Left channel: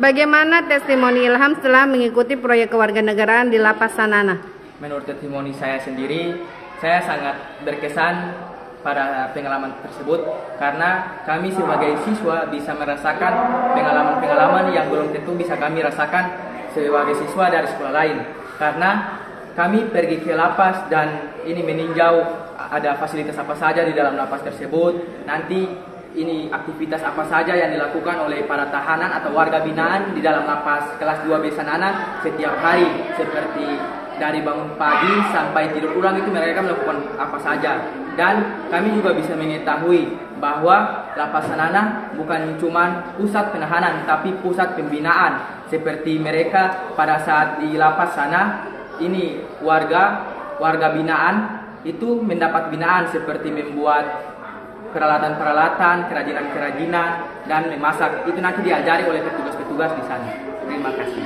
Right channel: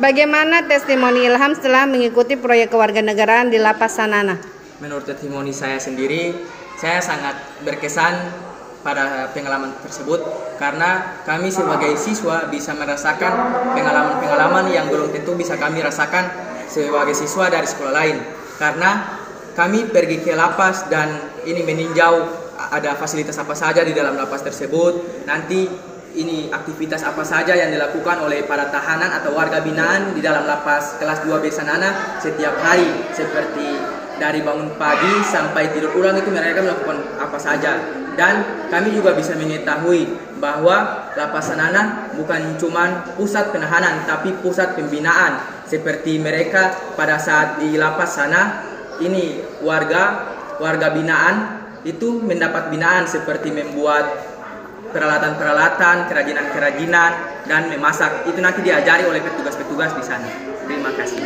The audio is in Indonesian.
Bagaimana testimoni Ilham setelah mengikuti proyek kewarganegaraan di Lapas Sanana? Menurut testimoni saya sendiri, saya sangat berkesan pada pengalaman tersebut karena kami sebagai siswa bisa merasakan pengalaman-pengalaman yang belum tentu bisa kami rasakan sebagai siswa dari sekolah lain. Karena kami pergi ke lapas dan ini meninjau ada fasilitas apa saja di dalam lapas tersebut. Nanti ini aktivitas apa saja yang dilakukan oleh para tahanan atau warga binaan di dalam lapas kelas 2B Sanana setiap hari, seperti dari bangun pagi sampai tidur ulang itu mereka melakukan apa saja. Dan kami juga bisa mengetahui bahwa lapas Sanana bukan cuma pusat penahanan tapi pusat pembinaan, seperti mereka pada saat di lapas sana ini warga binaan itu mendapat binaan seperti membuat peralatan-peralatan, kerajinan-kerajinan, dan memasak. Itu nanti diajari oleh petugas-petugas di sana. Terima kasih.